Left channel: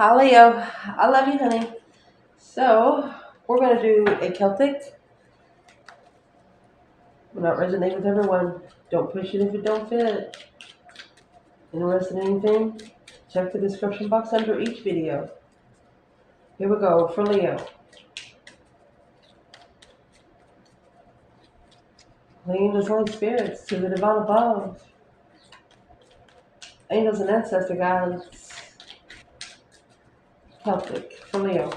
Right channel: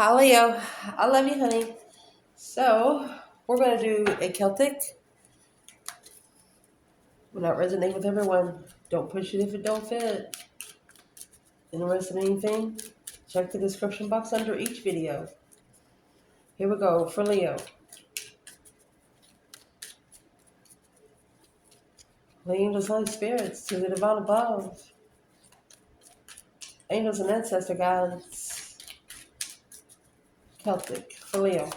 Hi, Leo. I love you, honey. So, we're going to do a Celtic. Will not resonate with everyone. Don't push it if it don't fit. Interested in anything? Check the description box under each video. Here we go for Leo. Angels, Holy Spirits, to the divine above. Angels and Ancestor guides. Celtic for Leo.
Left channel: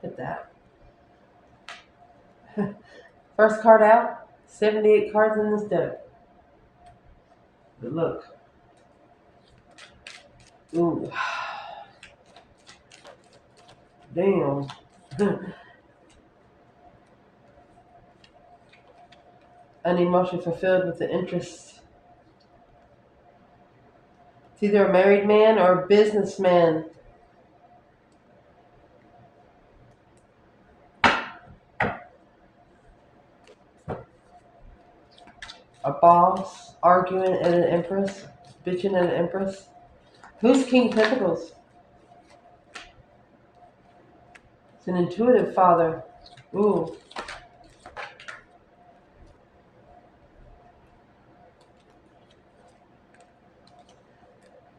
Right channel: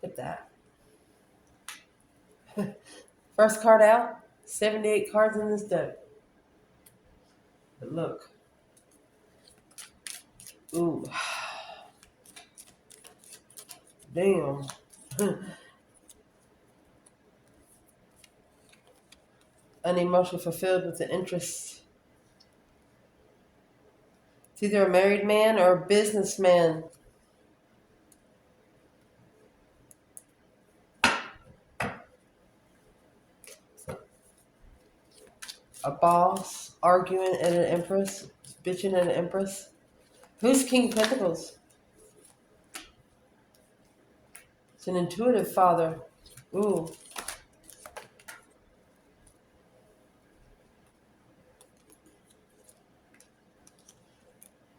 Get that. First card out. 78 cards in this deck. But look. Ooh. Damn. An emotion fulfilled with an interest. It's either a married man or a businessman. A boss arguing at an empress, bitching at an empress. Who's King Pentacles? It's an intuitive father. Ooh.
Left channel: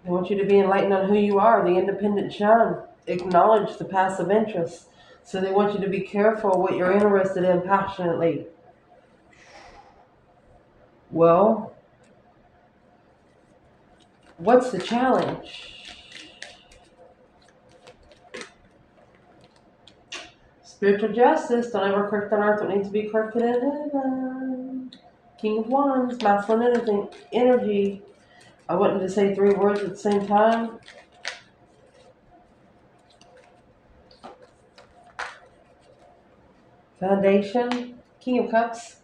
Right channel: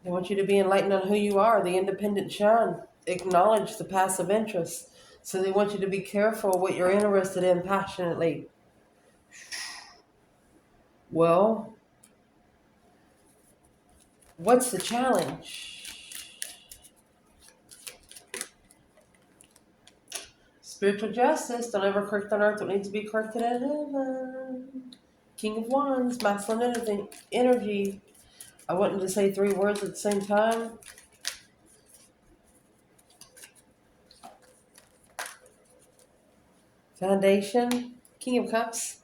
They want you to be enlightened on who you are, the independent shine. Acknowledge the passive interest. So they want you to be careful what you're interested in passionately. Well, what's the challenge? Spiritual justice. Don't ever correct on earth what needs to be corrected in heaven. King of Wands, masculine energy. I wanted to say 3 words at the same time. Foundation, King of Cups.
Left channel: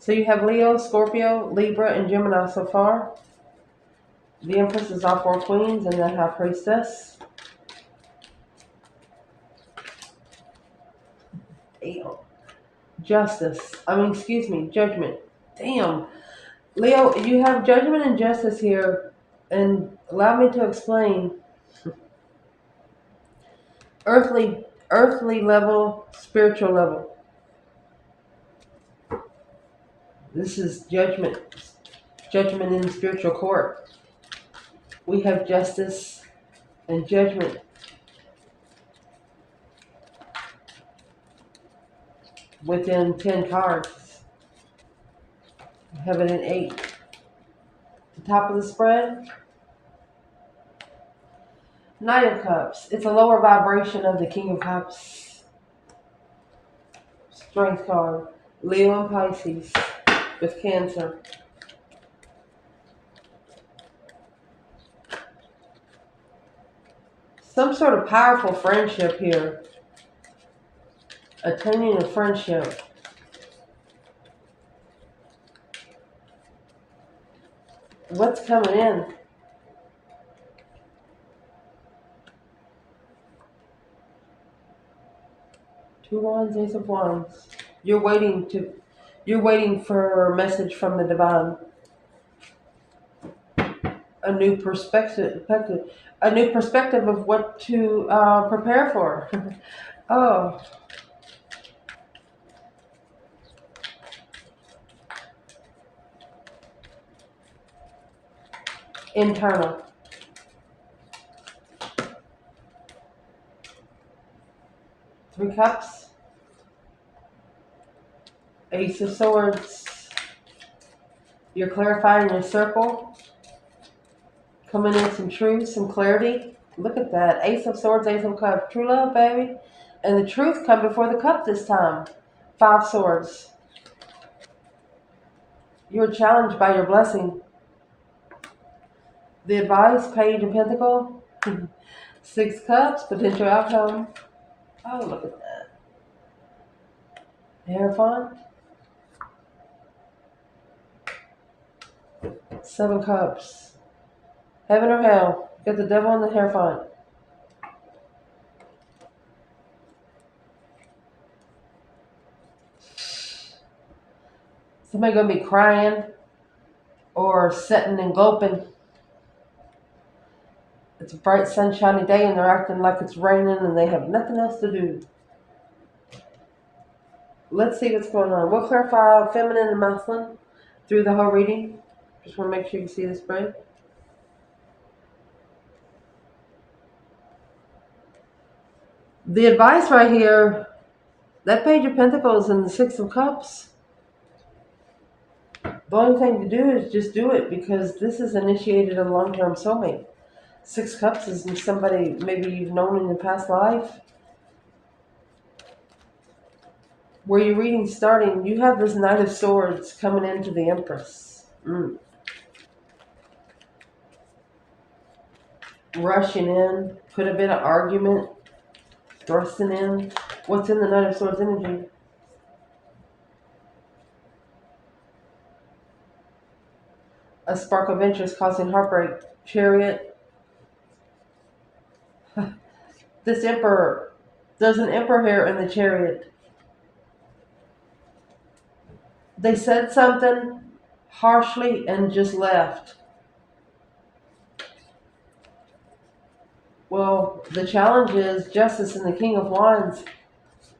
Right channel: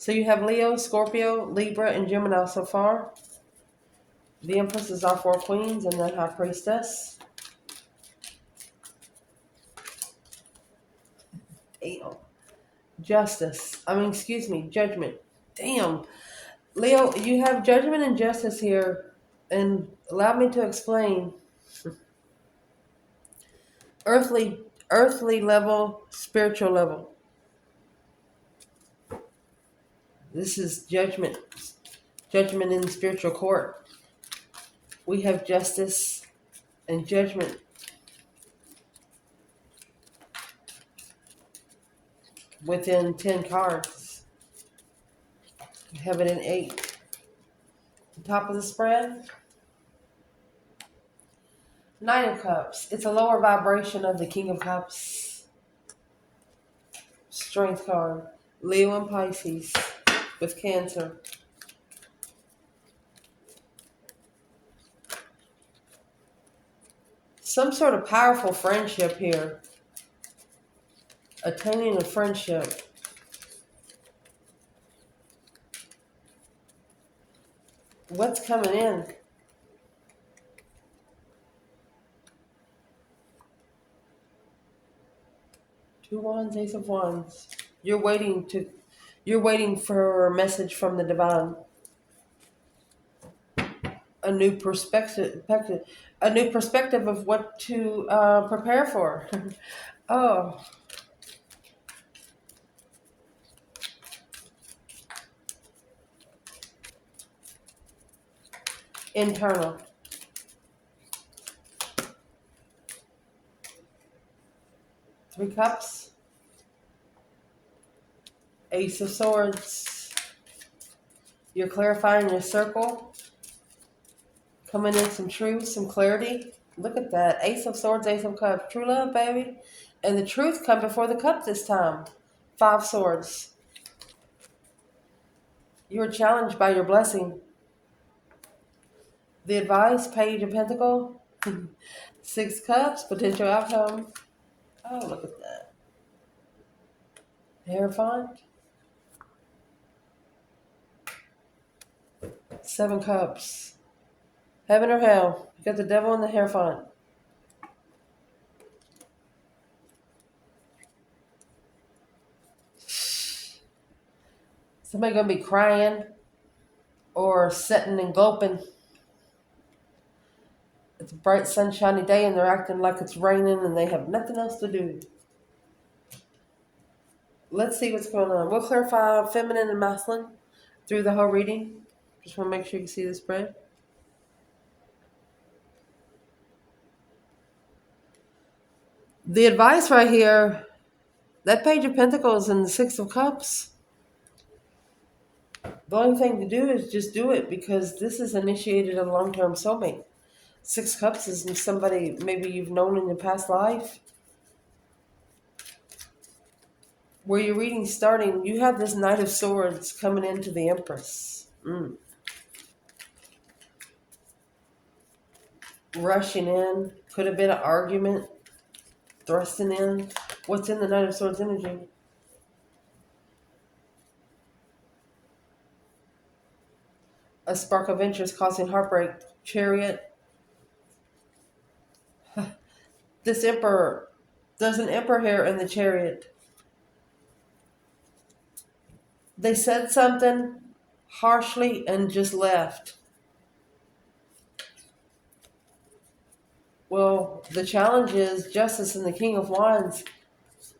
So you have Leo, Scorpio, Libra, and Gemini so far. The Empress is all 4 queens, and then High Priestess. Damn. Judgment. Damn. Leo, you have judgment and justice here, and allow me to explain. Earthly level, spiritual level. This is judgment in the spiritual court. We have justice and judgment. Within 10 cards. Heaven and 8. The top of the spread. Knight of Cups. It's a lower vibration of the King of Cups. Strength card. Leo and Pisces with Cancer. Some sort of powerful friendship here. Attaining a friendship. What's coming in? Two Wands, Ace of Wands. You're waiting for a message from the divine. A new perspective of what to prepare for. Oh. Internal. Three Cups. Ace of Swords. You're clarifying your circle. Coming in some truth, some clarity. Look at that. Ace of Swords, Ace of Cups. True love, baby. And the truth come before the cup this time. 5 Swords. You're challenged by your blessing. The advice, Page of Pentacle. 6 Cups, potential outcome. Oh, look at that. Hierophant. 7 Cups. Heaven or hell. You got the devil and the Hierophant. Somebody gonna be crying or sitting and gulping. It's a bright, sunshiny day and they're acting like it's raining and they have nothing else to do. Let's see what's going on. We'll clarify feminine and masculine through the whole reading. Just want to make sure you see the spread. The advice right here, that Page of Pentacles and the Six of Cups, the only thing to do is just do it because this is initiated a long-term soulmate. Six Cups is somebody maybe you've known in your past life. Where your reading's starting, you have this Knight of Swords coming into the Empress. Rushing in. Could have been an argument. Thrusting in. What's in the Knight of Swords energy? A spark of interest causing heartbreak. Chariot. This Emperor. There's an Emperor here in the Chariot. They said something harshly and just left. Well, the challenge is Justice and the King of Wands.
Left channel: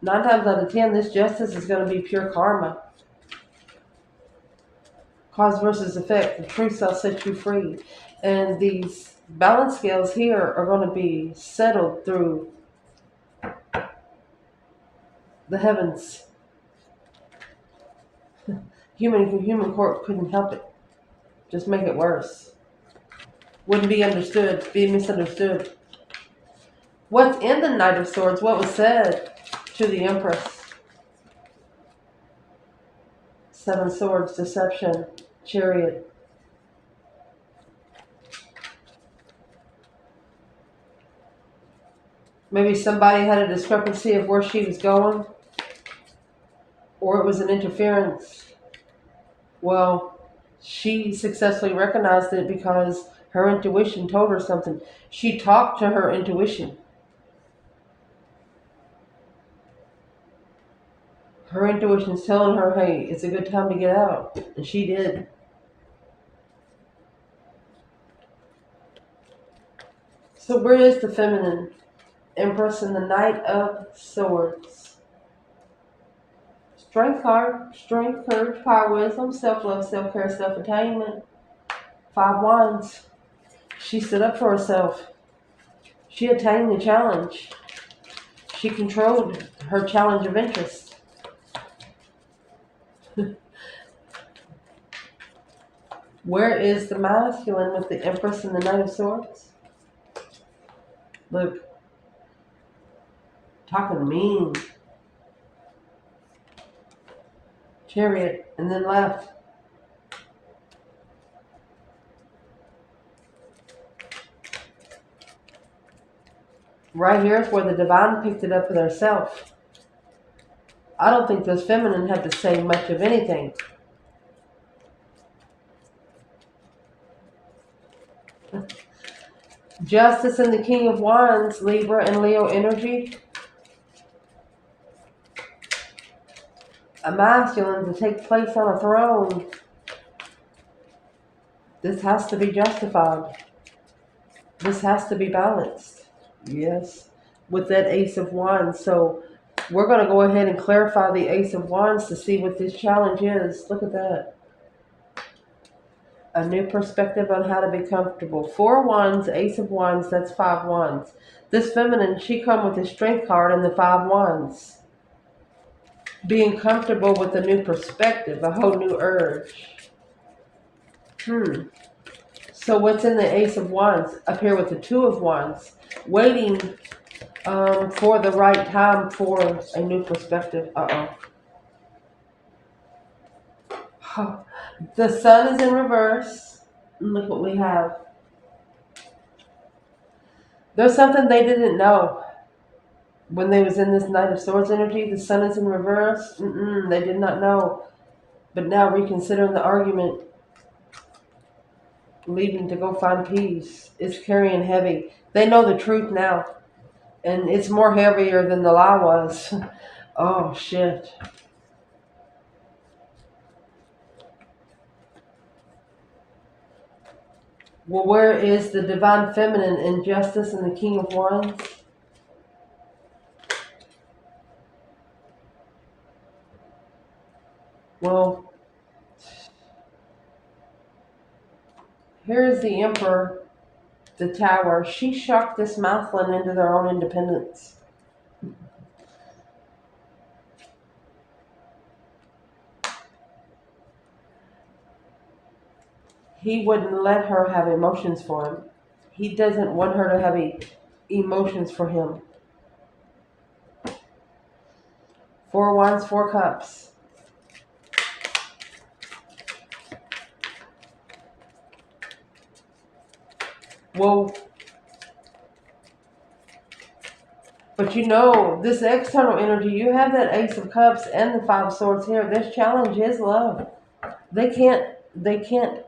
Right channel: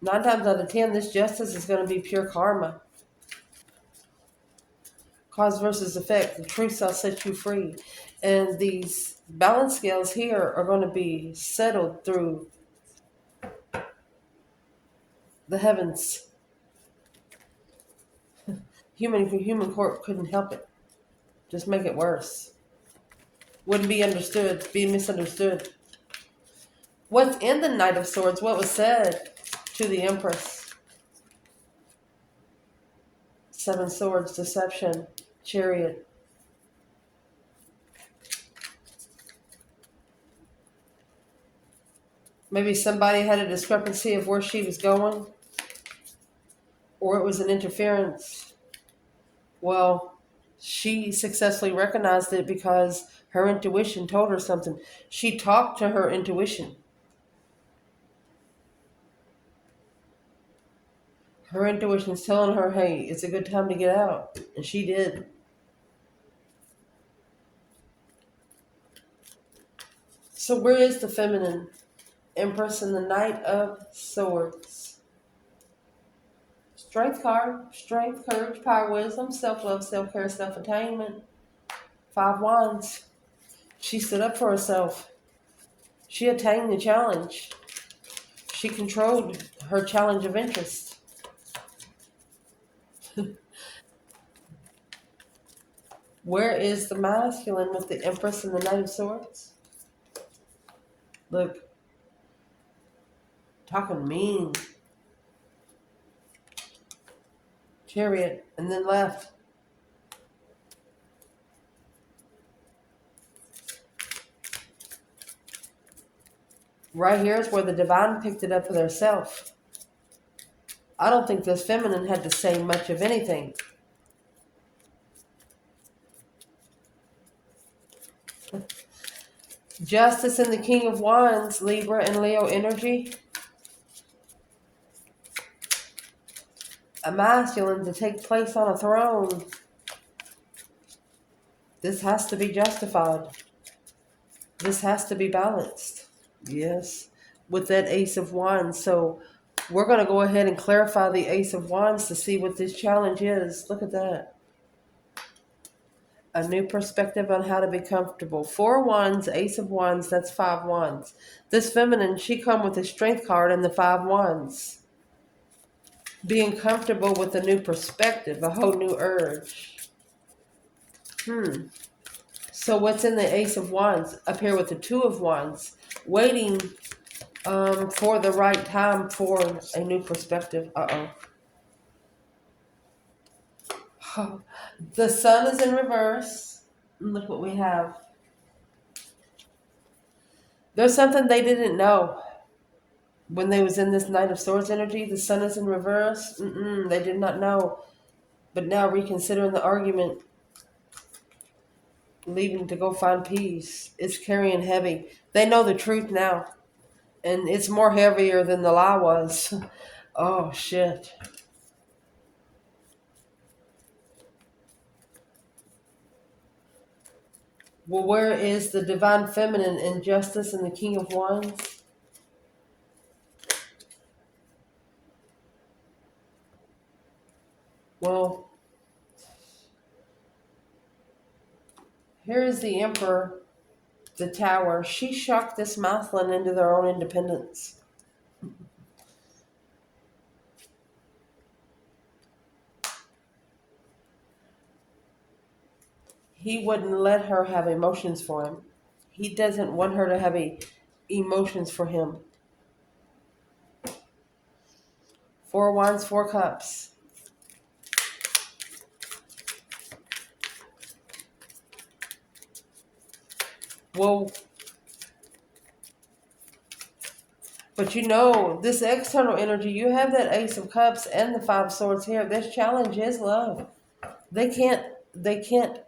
9 times out of 10, this Justice is going to be pure karma. Cause versus effect. The truth shall set you free. And these balance scales here are going to be settled through the heavens. Human court couldn't help it. Just make it worse. Wouldn't be understood. Be misunderstood. What's in the Knight of Swords? What was said to the Empress? Seven Swords, deception, Chariot. Maybe somebody had a discrepancy of where she was going. Or it was an interference. Well, she successfully recognized it because her intuition told her something. She talked to her intuition. Her intuition's telling her, hey, it's a good time to get out. And she did. So where is the feminine? Empress and the Knight of Swords. Strength card. Strength, courage, power, wisdom, self-love, self-care, self-attainment. 5 Wands. She stood up for herself. She attained the challenge. She controlled her challenge of interest. Where is the masculine with the Empress and the Knight of Swords? Look. Talking mean. Chariot, and then left. Right here is where the divine picked it up for herself. I don't think this feminine had to say much of anything. Justice and the King of Wands, Libra and Leo energy. A masculine to take place on a throne. This has to be justified. This has to be balanced. Yes, with that Ace of Wands. So we're going to go ahead and clarify the Ace of Wands to see what this challenge is. Look at that. A new perspective on how to be comfortable. 4 Wands, Ace of Wands, that's 5 Wands. This feminine, she come with a Strength card and the 5 Wands. Being comfortable with a new perspective, a whole new urge. So what's in the Ace of Wands? Up here with the 2 of Wands. Waiting for the right time for a new perspective. The Sun is in reverse. Look what we have. There's something they didn't know when they was in this Knight of Swords energy. The Sun is in reverse. They did not know. But now reconsidering the argument, leaving to go find peace. It's carrying heavy. They know the truth now. And it's more heavier than the lie was. Oh, shit. Well, where is the divine feminine in Justice and the King of Wands? Well, here is the Emperor, the Tower. She shocked this masculine into their own independence. He wouldn't let her have emotions for him. He doesn't want her to have emotions for him. 4 Wands, 4 Cups. Well, but you know, this external energy, you have that Ace of Cups and the 5 Swords here. This challenge is love. They can't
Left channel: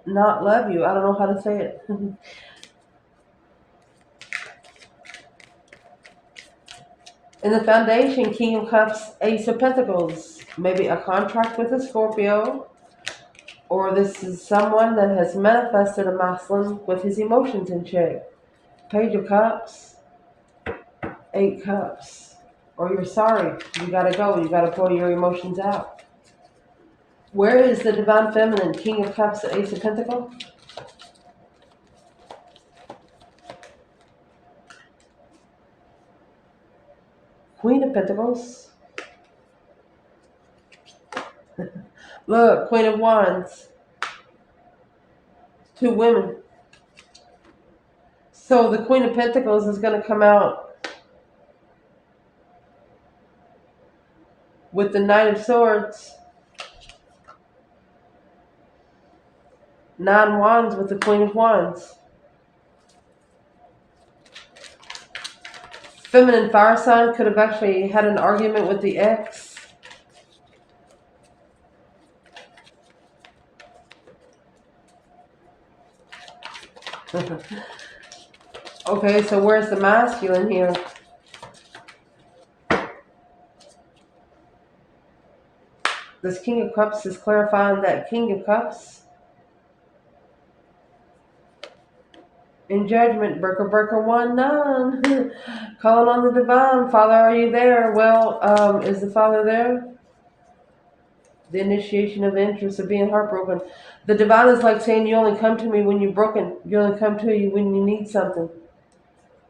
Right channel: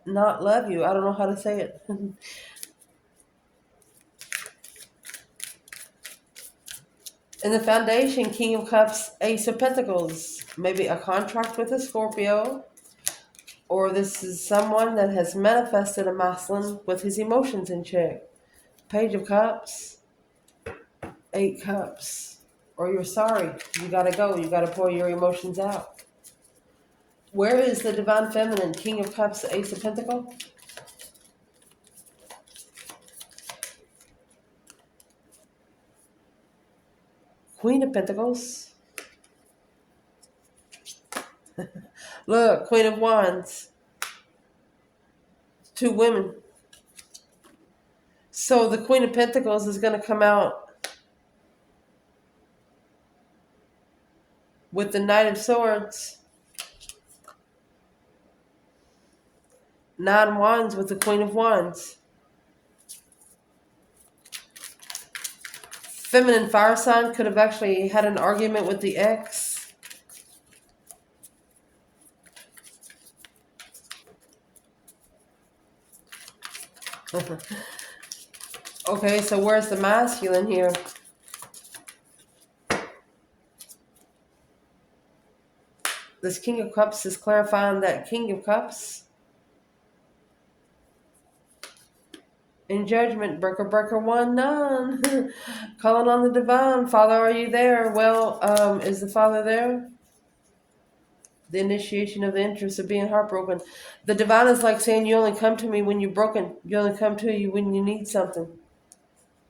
not love you. I don't know how to say it. In the foundation, King of Cups, Ace of Pentacles. Maybe a contract with a Scorpio. Or this is someone that has manifested a masculine with his emotions in check. Page of Cups, 8 Cups. Or you're sorry. You gotta go. You gotta pour your emotions out. Where is the divine feminine? King of Cups, Ace of Pentacles. Queen of Pentacles. Look, Queen of Wands. 2 women. So the Queen of Pentacles is going to come out with the Knight of Swords. 9 Wands with the Queen of Wands. Feminine fire sign could have actually had an argument with the ex. Okay, so where's the masculine here? This King of Cups is clarifying that King of Cups in judgment, breaker 1, none. Calling on the divine. Father, are you there? Well, is the Father there? The initiation of the interest of being heartbroken. The divine is like saying, you only come to me when you're broken. You only come to you when you need something.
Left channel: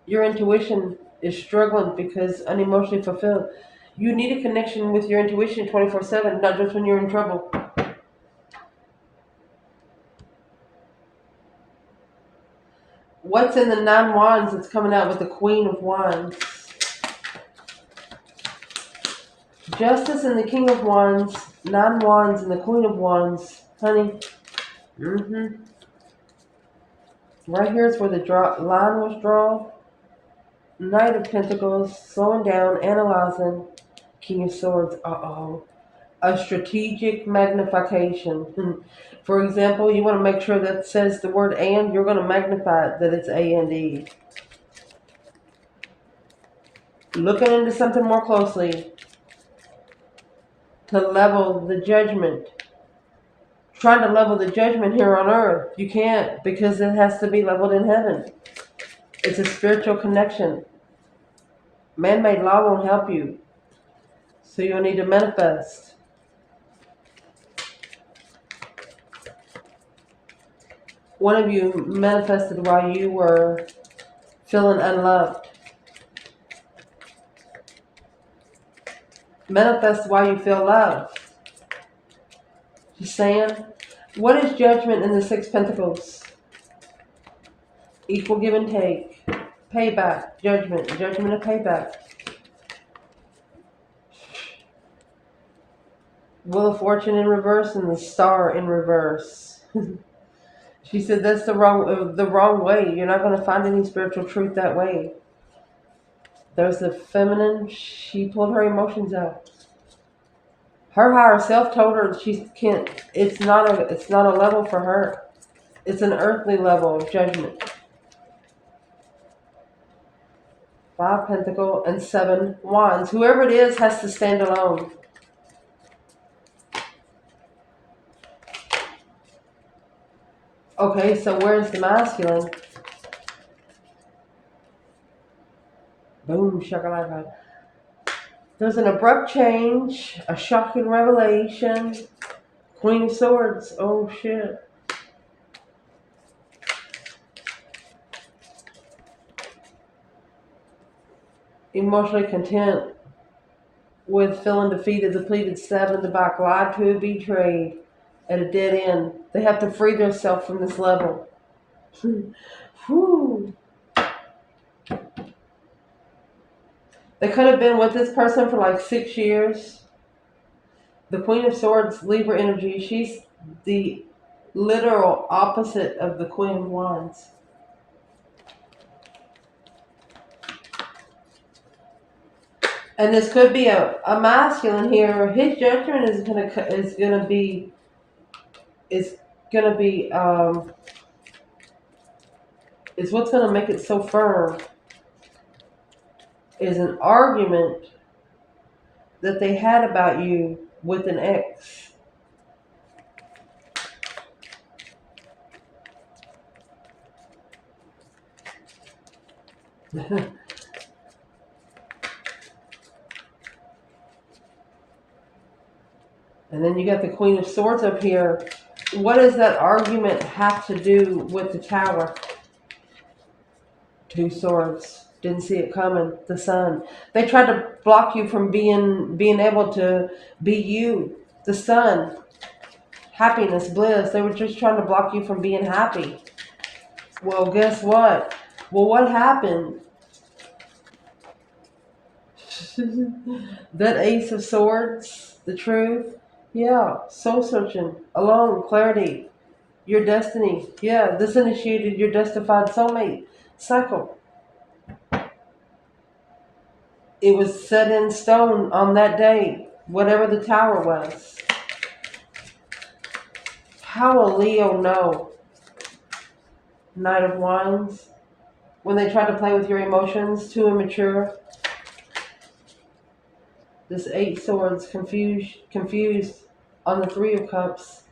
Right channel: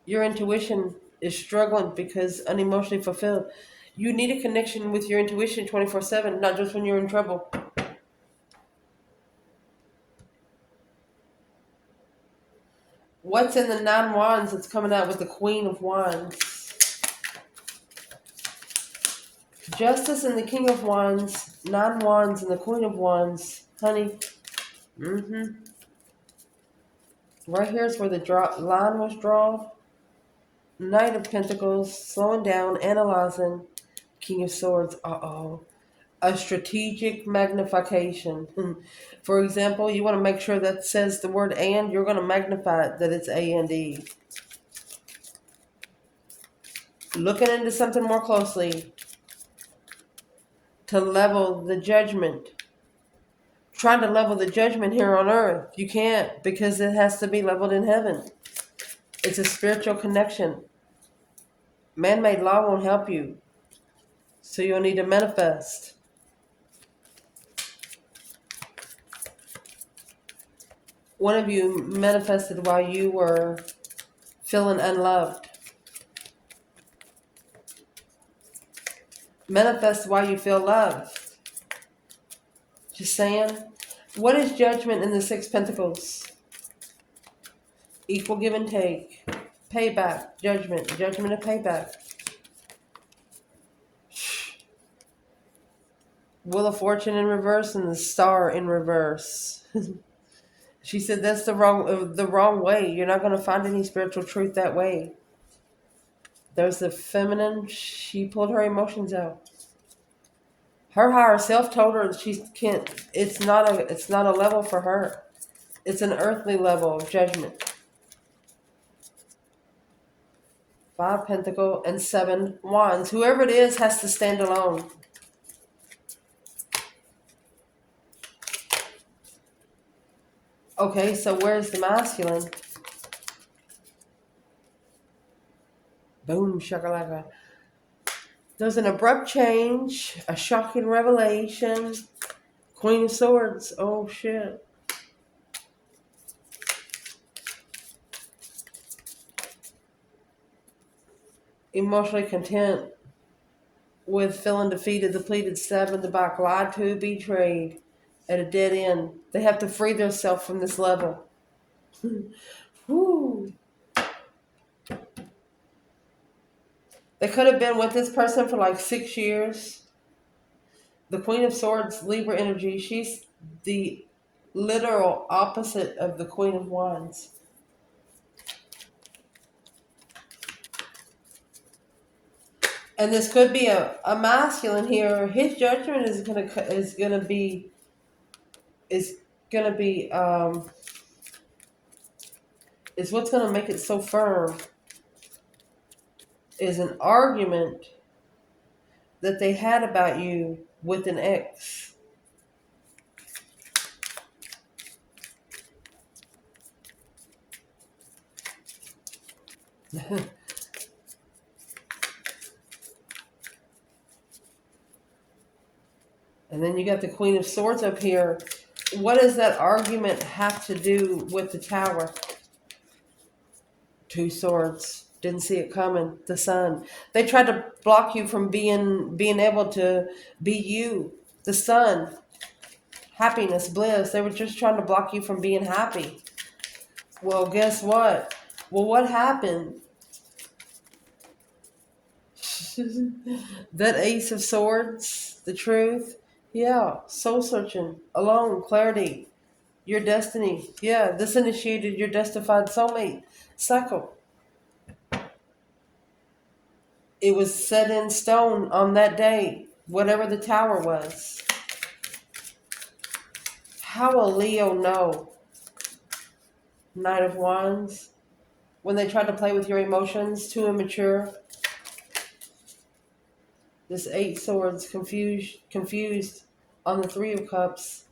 Your intuition is struggling because unemotionally fulfilled. You need a connection with your intuition 24/7, not just when you're in trouble. What's in the 9 Wands that's coming out with the Queen of Wands? Justice and the King of Wands, 9 Wands and the Queen of Wands. Honey, right here is where the line was drawn. Knight of Pentacles, slowing down, analyzing. King of Swords, a strategic magnification. For example, you want to make sure that says the word and, you're going to magnify it, that it's A and E. Looking into something more closely to level the judgment. Trying to level the judgment here on earth. You can't, because it has to be leveled in heaven. It's a spiritual connection. Man-made law won't help you. So you'll need to manifest. One of you manifested while you were feeling unloved. Manifest while you feel love. Just saying. What is judgment in the 6 Pentacles? Equal give and take. Payback. Judgment. Judgment of payback. Wheel of Fortune in reverse and the Star in reverse. She said that's the wrong way. You're not going to find any spiritual truth that way. There's the feminine. She pulled her emotions out. Her higher self told her she can't. It's not a level for her. It's an earthly level of judgment. 5 Pentacles and 7 Wands. Whoever it is has to stand alone. Okay, so where's the masculine? Boom, shakalaka. There's an abrupt change, a shocking revelation. Queen of Swords. Oh shit. Emotionally content with feeling defeated, depleted, stabbed in the back, lied to, betrayed, at a dead end. They have to free themselves from this level. Whew. They could have been with this person for like 6 years. The Queen of Swords, Libra energy, she's the literal opposite of the Queen of Wands. And this could be a masculine here. His judgment is gonna be is what's gonna make it so firm. Is an argument that they had about you with an ex. And then you got the Queen of Swords up here. What does that argument have to do with the Tower? Two swords. Didn't see it coming. The Sun. They tried to block you from being able to be you. The Sun. Happiness, bliss. They were just trying to block you from being happy. Well, guess what? Well, what happened? That Ace of Swords, the truth. Yeah, soul searching, alone, clarity, your destiny. Yeah, this initiated your justified soulmate cycle. It was set in stone on that day, whatever the Tower was. How will Leo know? Knight of Wands. When they try to play with your emotions, too immature. This Eight Swords confused on the Three of Cups.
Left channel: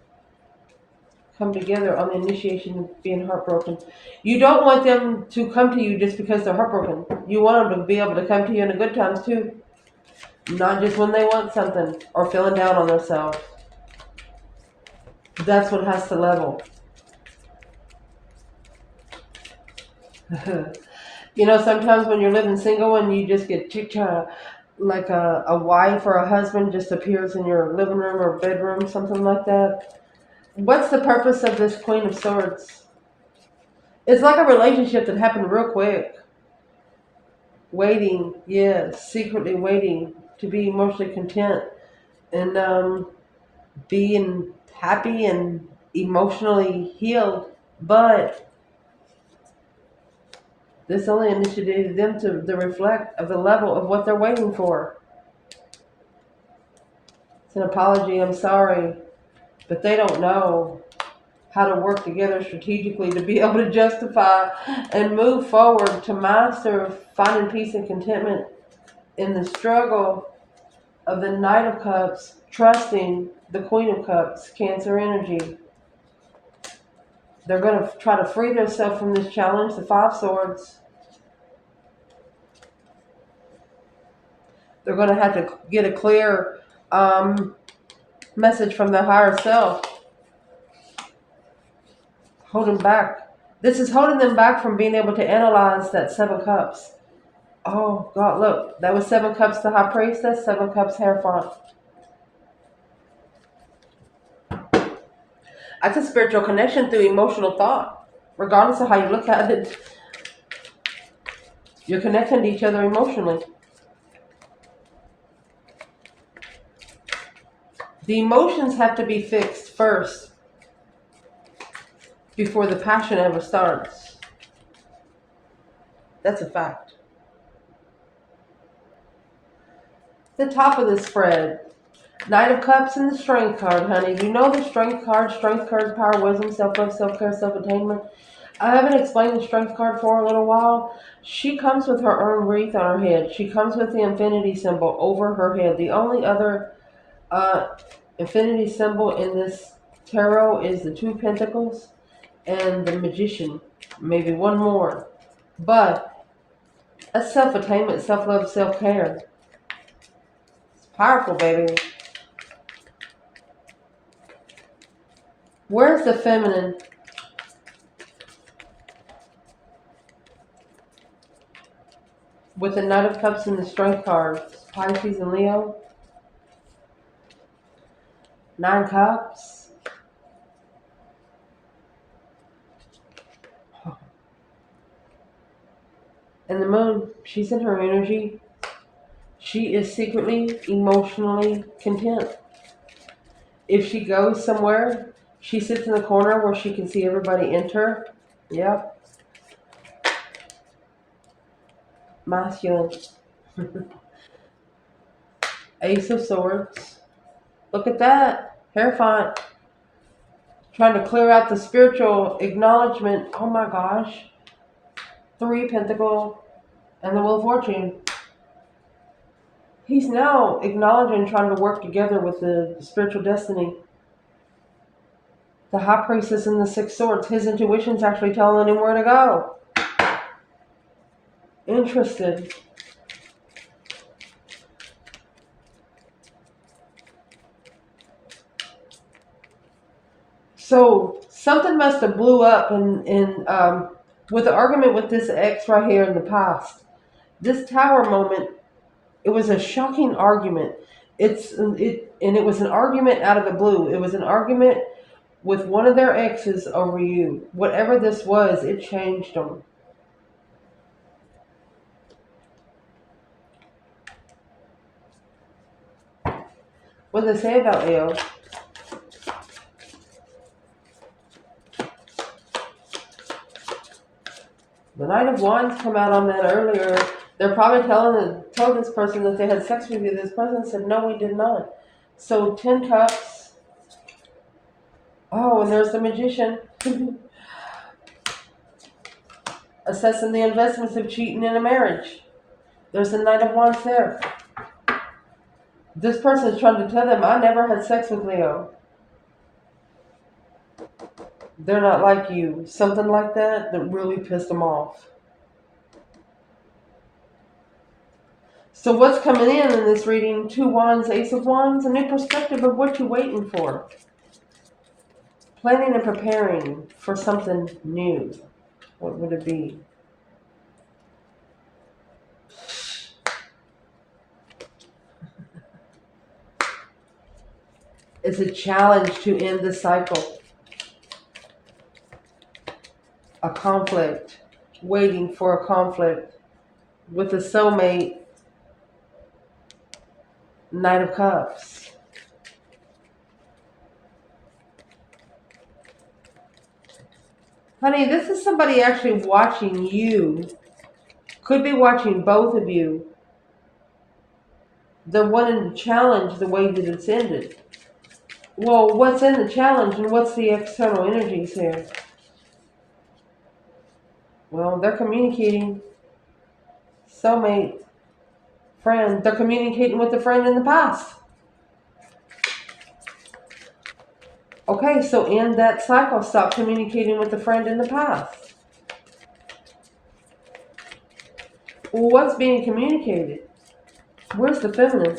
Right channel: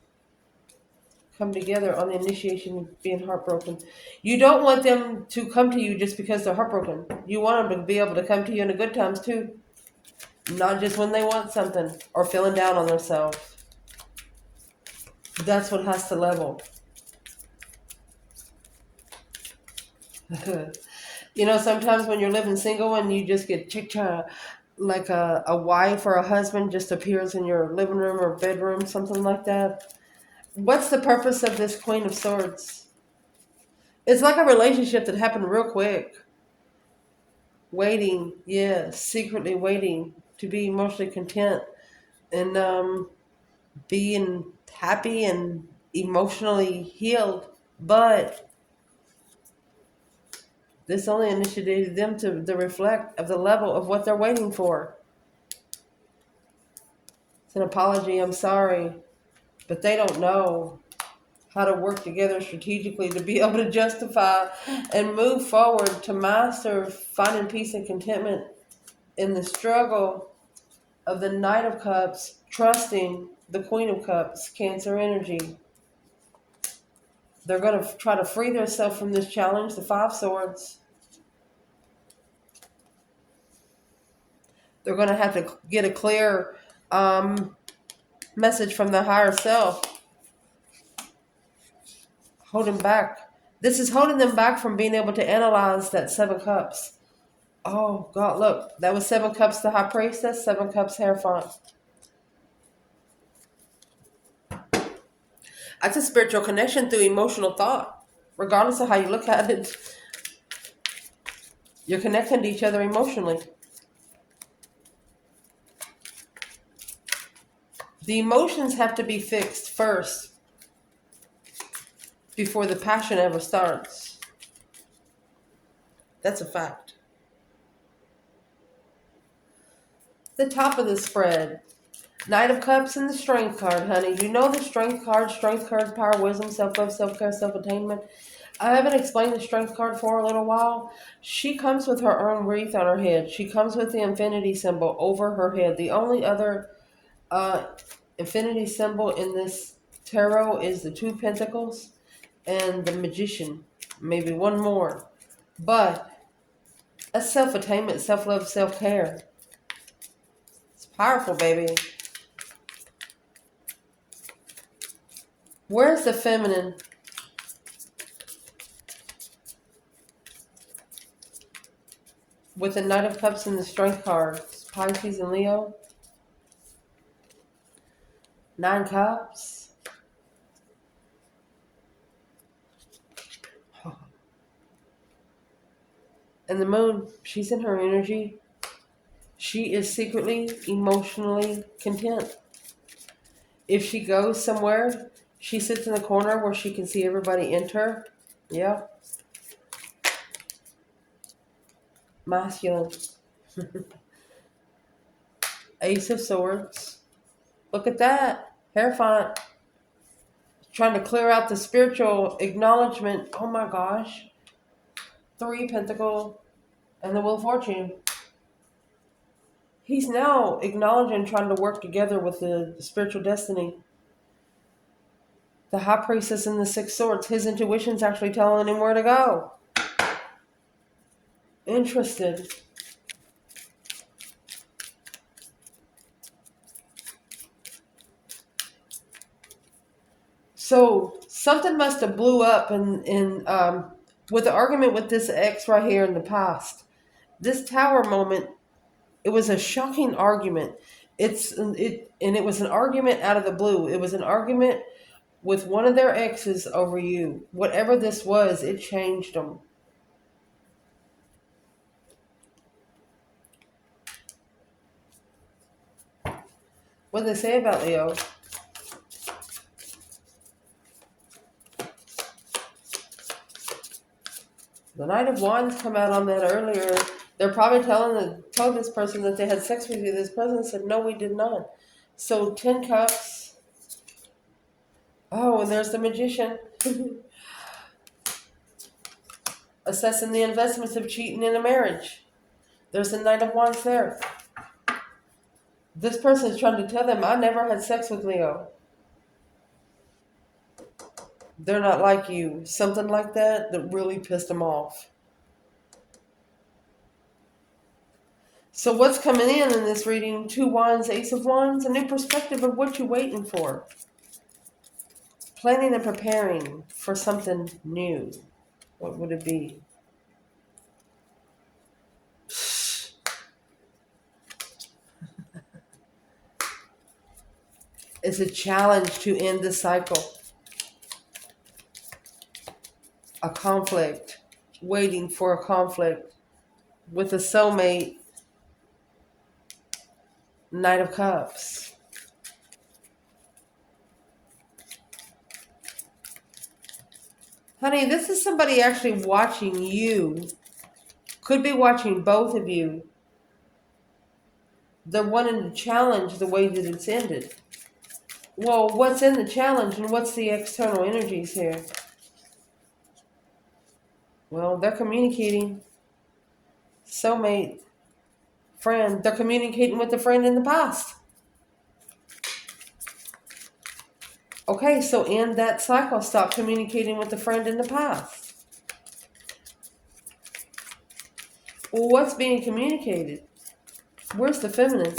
Come together on the initiation of being heartbroken. You don't want them to come to you just because they're heartbroken. You want them to be able to come to you in the good times too. Not just when they want something or feeling down on themselves. That's what has to level. You know, sometimes when you're living single and you just get like a wife or a husband just appears in your living room or bedroom, something like that. What's the purpose of this Queen of Swords? It's like a relationship that happened real quick. Waiting, yes, secretly waiting to be emotionally content and being happy and emotionally healed. But this only initiated them to the reflect of the level of what they're waiting for. It's an apology, I'm sorry, but they don't know how to work together strategically to be able to justify and move forward to master finding peace and contentment in the struggle of the Knight of Cups, trusting the Queen of Cups, Cancer energy. They're going to try to free themselves from this challenge, the Five Swords. They're going to have to get a clear message from the higher self. Holding back. This is holding them back from being able to analyze that Seven Cups. Oh, God, look. That was Seven Cups, the High Priestess, Seven Cups, Hierophant. That's a spiritual connection through emotional thought. Regardless of how you look at it, you're connecting to each other emotionally. The emotions have to be fixed first before the passion ever starts. That's a fact. The top of the spread. Knight of Cups and the Strength card, honey. You know the Strength card. Strength card is power, wisdom, self-love, self-care, self-attainment. I haven't explained the Strength card for a little while. She comes with her own wreath on her head. She comes with the infinity symbol over her head. The only other infinity symbol in this tarot is the Two of Pentacles. and the Magician. Maybe one more. But that's self-attainment, self-love, self-care. It's powerful, baby. Where's the feminine? With the Knight of Cups and the Strength cards. Pisces and Leo. 9 Cups. And the Moon, she's in her energy. She is secretly, emotionally content. If she goes somewhere, she sits in the corner where she can see everybody enter. Yep. Masculine. Ace of Swords. Look at that. Hierophant. Trying to clear out the spiritual acknowledgement. Oh my gosh. 3 Pentacle and the Wheel of Fortune. He's now acknowledging, trying to work together with the spiritual destiny. The High Priestess and the 6 Swords. His intuition's actually telling him where to go. Interested. So something must have blew up with the argument with this ex right here in the past. This Tower moment, it was a shocking argument. And it was an argument out of the blue. It was an argument with one of their exes over you. Whatever this was, it changed them. What did they say about Leo? The Knight of Wands come out on that earlier. They're probably told this person that they had sex with you. This person said, no, we did not. So 10 Cups. Oh, and there's the Magician. Assessing the investments of cheating in a marriage. There's the Knight of Wands there. This person is trying to tell them, I never had sex with Leo. They're not like you. Something like that really pissed them off. So what's coming in this reading? 2 Wands, Ace of Wands. A new perspective of what you're waiting for. Planning and preparing for something new. What would it be? It's a challenge to end the cycle. A conflict. Waiting for a conflict. With a soulmate. Knight of Cups. Honey, this is somebody actually watching you. Could be watching both of you. They're wanting to challenge the way that it's ended. Well, what's in the challenge and what's the external energies here? Well, they're communicating. Soulmate. Friend. They're communicating with a friend in the past. Okay, so end that cycle. Stop communicating with a friend in the past. Well, what's being communicated? Where's the feminine?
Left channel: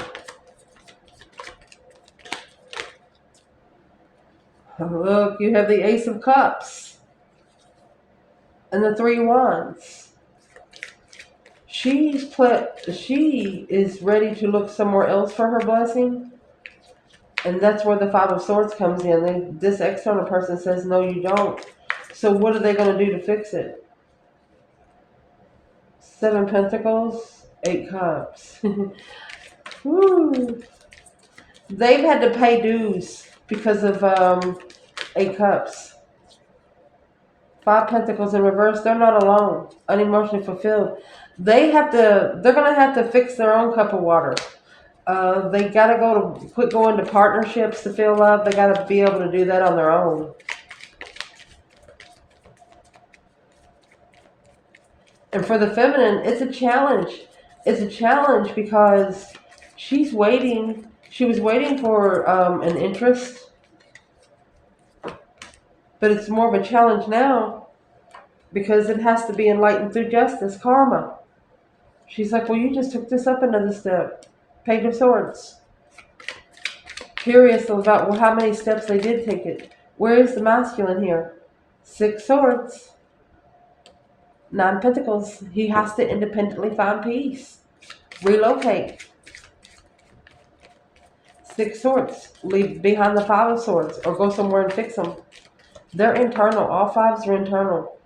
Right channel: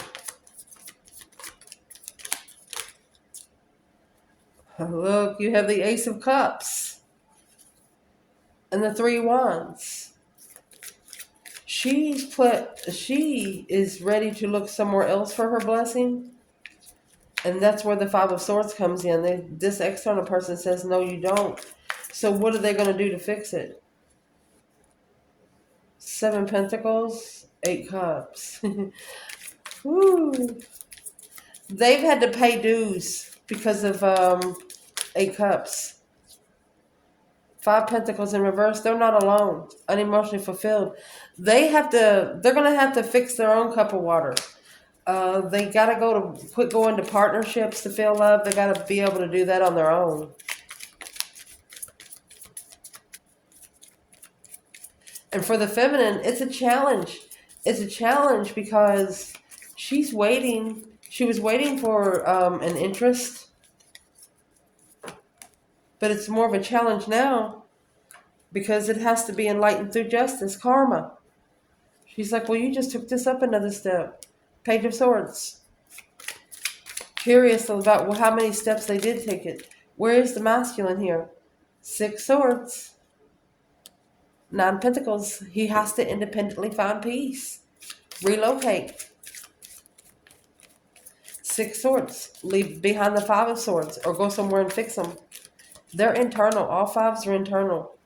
Look, you have the Ace of Cups. And the 3 Wands. She is ready to look somewhere else for her blessing. And that's where the 5 of Swords comes in. This external person says, no, you don't. So what are they going to do to fix it? 7 Pentacles, 8 Cups. Woo. They've had to pay dues because of 8 Cups. 5 Pentacles in reverse. They're not alone. Unemotionally fulfilled. They're going to have to fix their own cup of water. They got to quit going to partnerships to feel love. They got to be able to do that on their own. And for the feminine, it's a challenge. It's a challenge because she's waiting. She was waiting for an interest. But it's more of a challenge now because it has to be enlightened through justice, karma. She's like, well, you just took this up another step. Page of Swords. Curious about, well, how many steps they did take it. Where is the masculine here? 6 swords. 9 pentacles. He has to independently find peace. Relocate. 6 swords. Leave behind the 5 of swords or go somewhere and fix them. They're internal. All 5s are internal.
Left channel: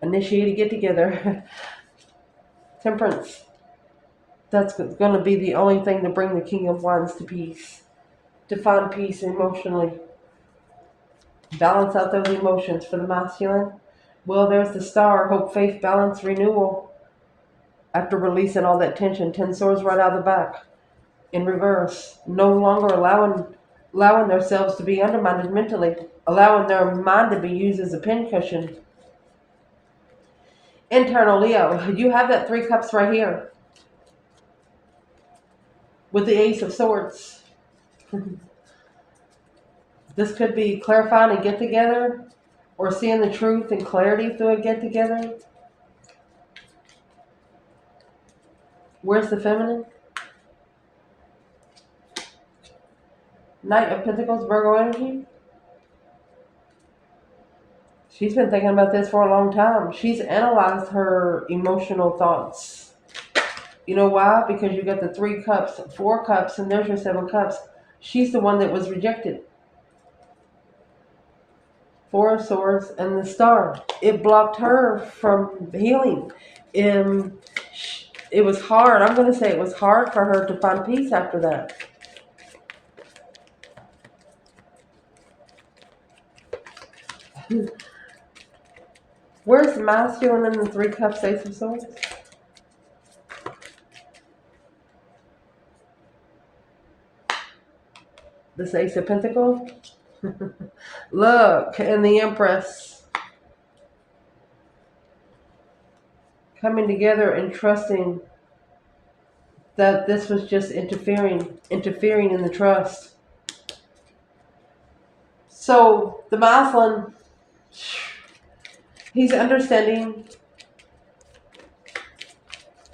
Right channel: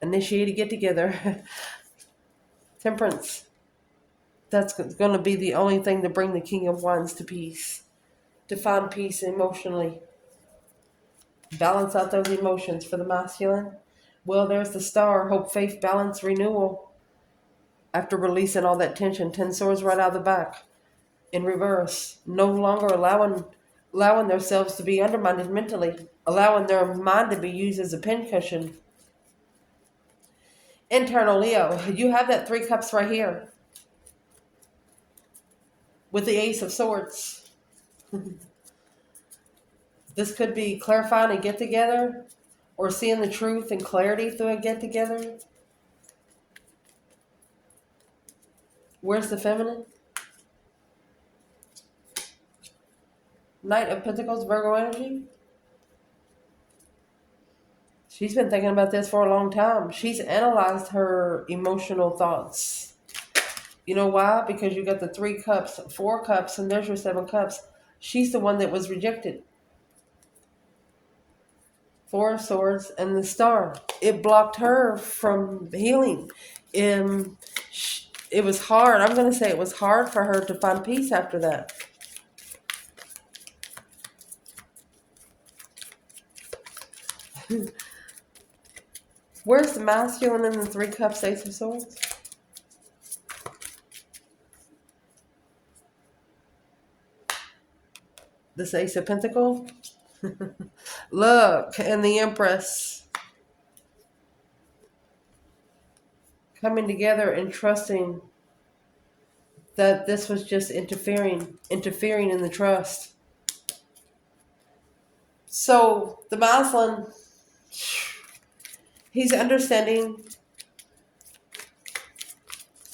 Initiate a get together. Temperance. That's going to be the only thing to bring the King of Wands to peace. To find peace emotionally. Balance out those emotions for the masculine. Well, there's the Star. Hope, faith, balance, renewal. After releasing all that tension. 10 swords right out of the back. In reverse. No longer allowing themselves to be undermined mentally. Allowing their mind to be used as a pincushion. Internal Leo. You have that 3 cups right here. With the Ace of Swords. This could be clarifying a get-together or seeing the truth and clarity through a get-together. Where's the feminine? Knight of Pentacles, Virgo energy. She's been thinking about this for a long time. She's analyzed her emotional thoughts. You know why? Because you got the 3 cups, 4 cups, and there's your 7 cups. She's the one that was rejected. 4 of Swords and the Star. It blocked her from healing. It was hard. I'm going to say it was hard for her to find peace after that. Where's the masculine in the 3 cups, Ace of Swords? This Ace of Pentacles. Look, and the Empress. Coming together and trusting that this was just interfering in the trust. So the masculine, he's understanding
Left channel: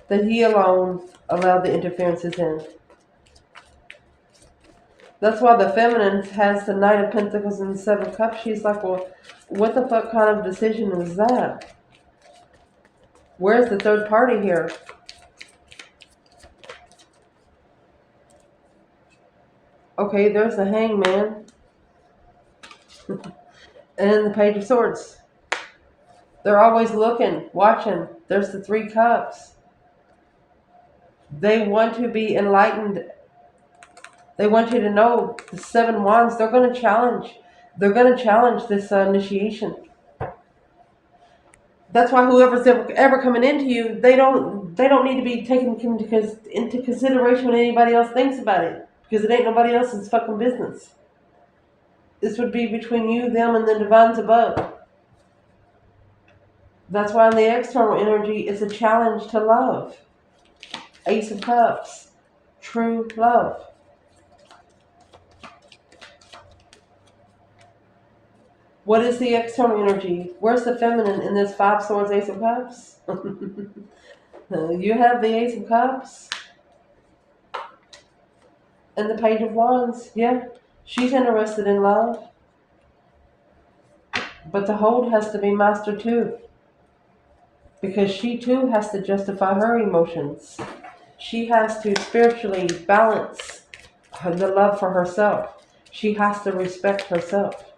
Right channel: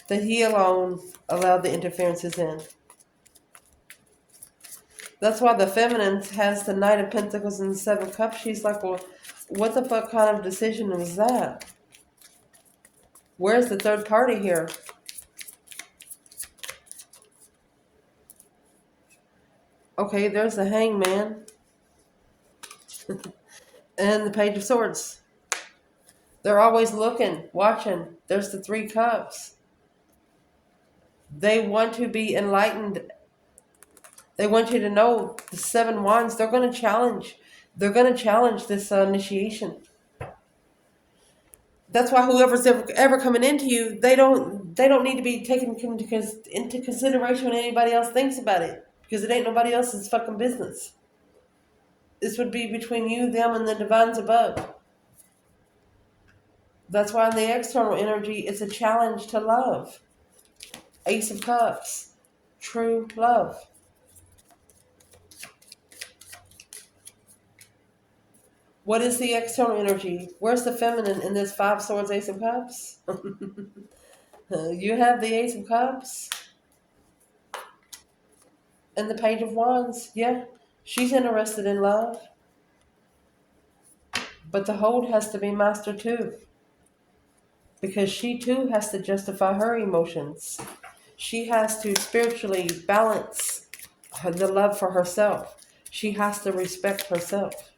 that he alone allowed the interferences in. That's why the feminine has the Knight of Pentacles and the 7 Cups. She's like, well, what the fuck kind of decision was that? Where's the third party here? Okay, there's the Hangman. And the Page of Swords. They're always looking, watching. There's the 3 Cups. They want to be enlightened. They want you to know the 7 Wands. They're going to challenge. They're going to challenge this initiation. That's why whoever's ever coming into you, they don't need to be taken into consideration when anybody else thinks about it, because it ain't nobody else's fucking business. This would be between you, them, and the divines above. That's why in the external energy, it's a challenge to love. Ace of Cups, true love. What is the external energy? Where's the feminine in this 5 Swords, Ace of Cups? You have the Ace of Cups. And the Page of Wands. Yeah, she's interested in love. But the hold has to be mastered too. Because she too has to justify her emotions. She has to spiritually balance the love for herself. She has to respect herself.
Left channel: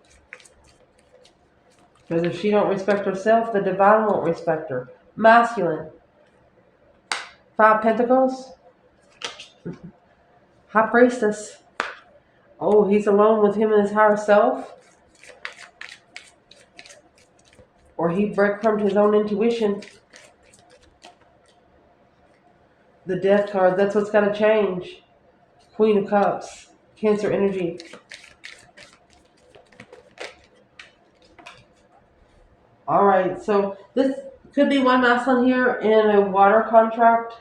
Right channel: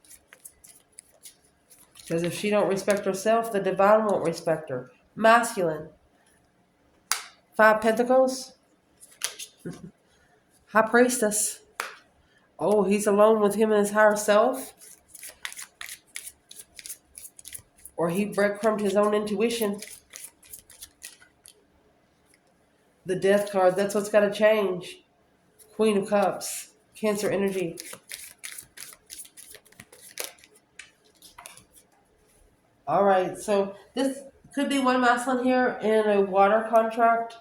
Because if she don't respect herself, the divine won't respect her. Masculine. 5 Pentacles. High Priestess. Oh, he's alone with him and his higher self. Or he breadcrumbed his own intuition. The Death card. That's what's got to change. Queen of Cups. Cancer energy. Alright, so this could be one masculine here in a water contract.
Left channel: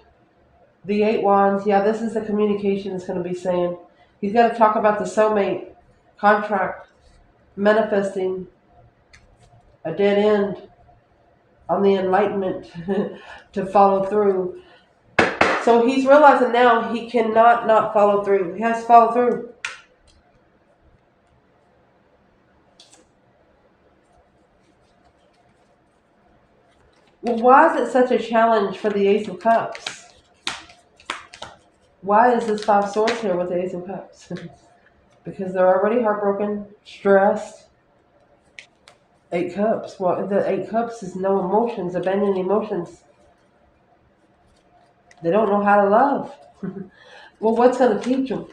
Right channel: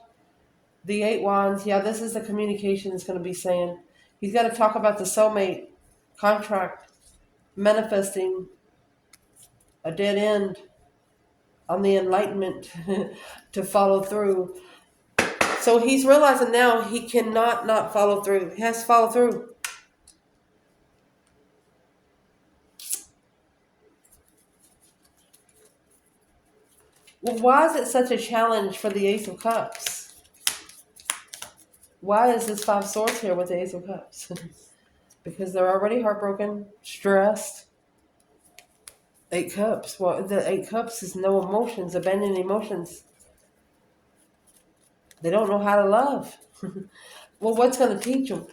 The 8 Wands, yeah, this is the communication it's going to be saying. He's got to talk about the soulmate. contract, manifesting a dead end on the enlightenment to follow through. So he's realizing now he cannot not follow through. He has to follow through. Well, why is it such a challenge for the Ace of Cups? Why is this Five Swords here with the Ace of Cups? Because they're already heartbroken, stressed. Eight Cups. Well, the Eight Cups is no emotions, abandoned emotions. They don't know how to love. Well, what's going to teach them?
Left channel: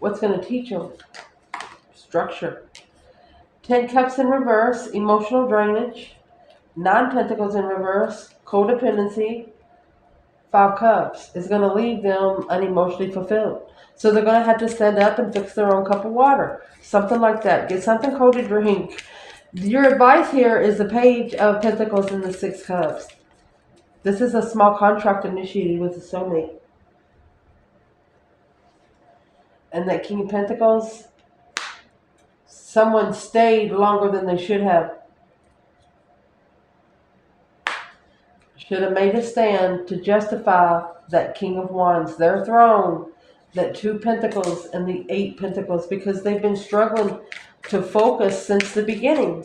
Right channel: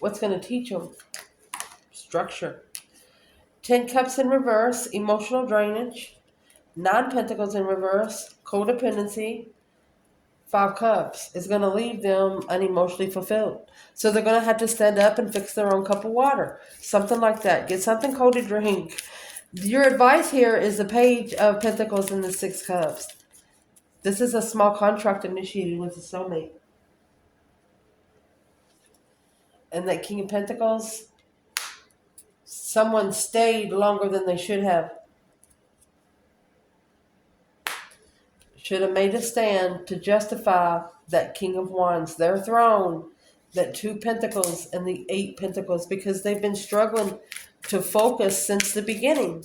What's going to teach them? Structure. 10 Cups in reverse, emotional drainage. 9 Pentacles in reverse, codependency. 5 Cups is going to leave them unemotionally fulfilled. So they're going to have to stand up and fix their own cup of water. Something like that. Get something cold to drink. Your advice here is the Page of Pentacles and the 6 Cups. This is a small contract initiated with the soulmate. And that King of Pentacles, someone stayed longer than they should have. Should have made a stand to justify that King of Wands, their throne, that 2 Pentacles and the 8 Pentacles, because they've been struggling to focus since the beginning.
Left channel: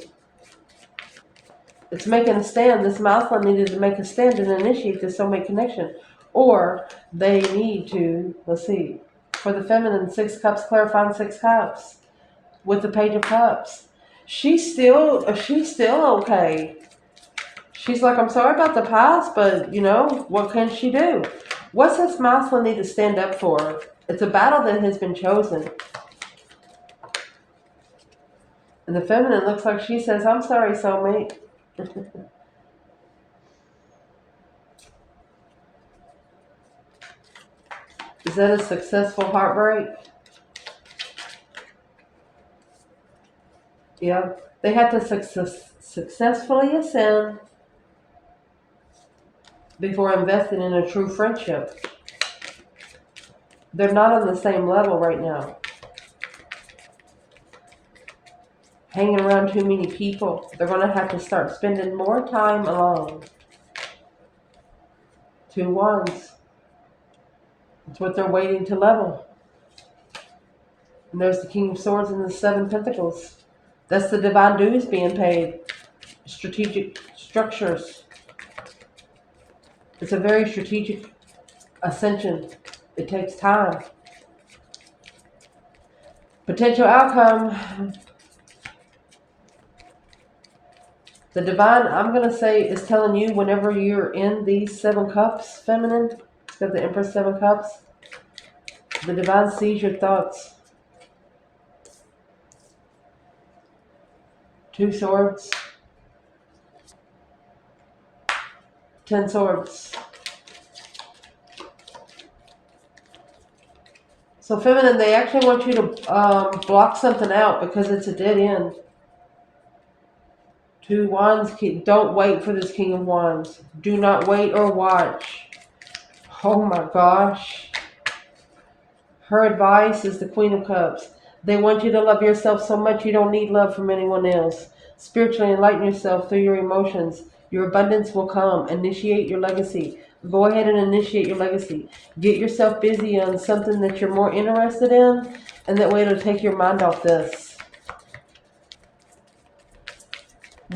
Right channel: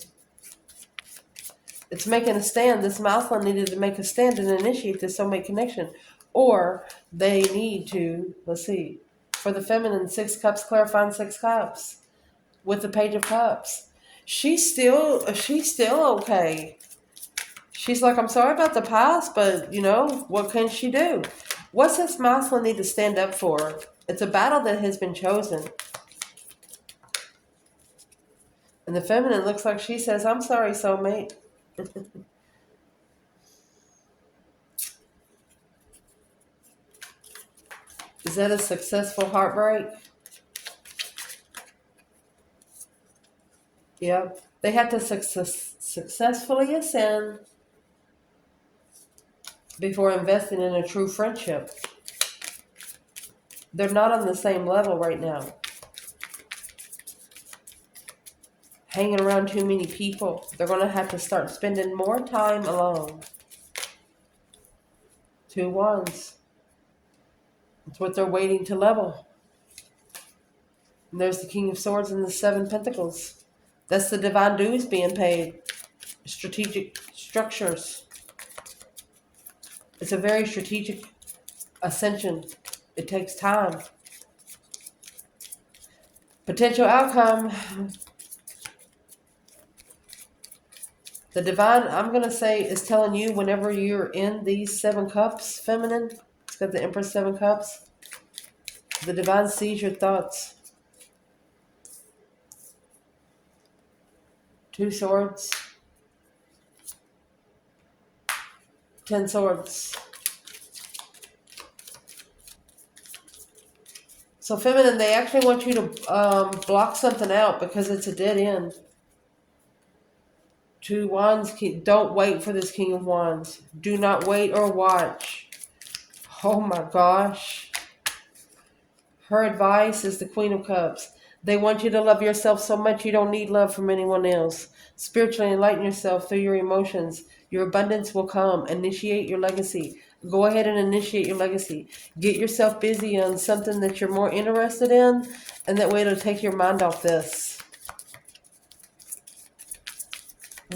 It's making a stand. This Mousland needed to make a stand and initiate this soulmate connection. Or they need to, let's see, for the feminine, 6 Cups, clarifying 6 Cups with the Page of Cups. She's still okay. She's like, I'm sorry about the past, but, you know, what can she do? What's this Mousland need to stand up for? It's a battle that has been chosen. And the feminine looks like she says, I'm sorry, soulmate. Is that a successful heartbreak? Yeah. They have to successfully ascend before investing in a true friendship. They're not on the same level right now. Hanging around too many people. They're going to have to start spending more time alone. 2 Wands. That's what they're waiting to level. And there's the King of Swords and the 7 Pentacles. That's the divine dues being paid. Strategic structures. It's a very strategic ascension. It takes time. Potential outcome. The divine, I'm going to say, is telling you whenever you're in these 7 Cups, feminine, it's got the Empress 7 Cups, the divine sees your thoughts. 2 Swords, 10 Swords. So feminine, they actually want you to block something out because it's a dead end. 2 Wands, don't wait for this King of Wands. Do not wait or watch. Oh my gosh. Her advice is the Queen of Cups. They want you to love yourself so much you don't need love from anyone else. Spiritually enlighten yourself through your emotions. Your abundance will come. Initiate your legacy. Go ahead and initiate your legacy. Get yourself busy on something that you're more interested in, and that way it'll take your mind off this.